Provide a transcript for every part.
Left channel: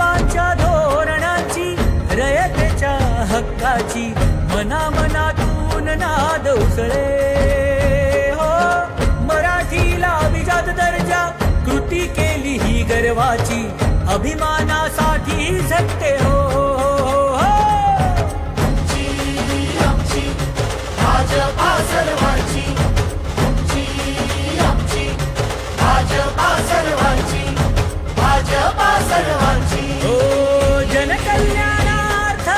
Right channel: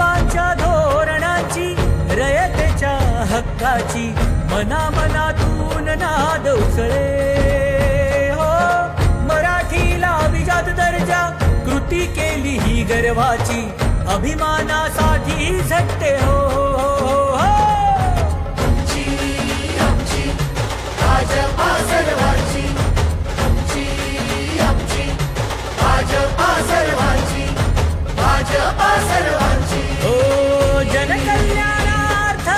बाबांच्या धोरणांची, रयतेच्या हक्काची मनामनातून नाद उसळे हो. मराठीला अभिजात दर्जा, कृती केली ही गर्वाची, अभिमानासाठी झटते हो, हो, हो. जनकल्याणार्थ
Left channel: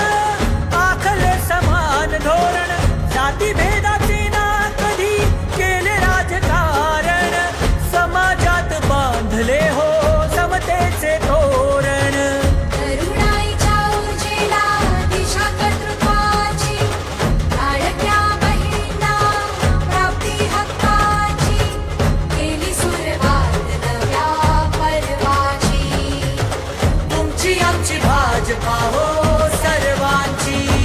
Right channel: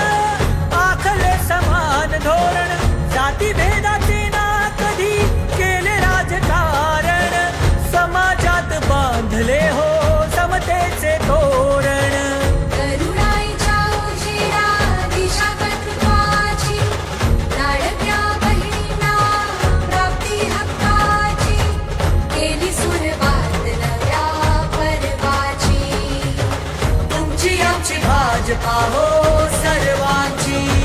आखले समान धोरण, जाती भेदाचे ना कधी केले राजकारण, समाजात बांधले हो समतेचे तोरण. तुमची आमची भाजपा हो सर्वांची.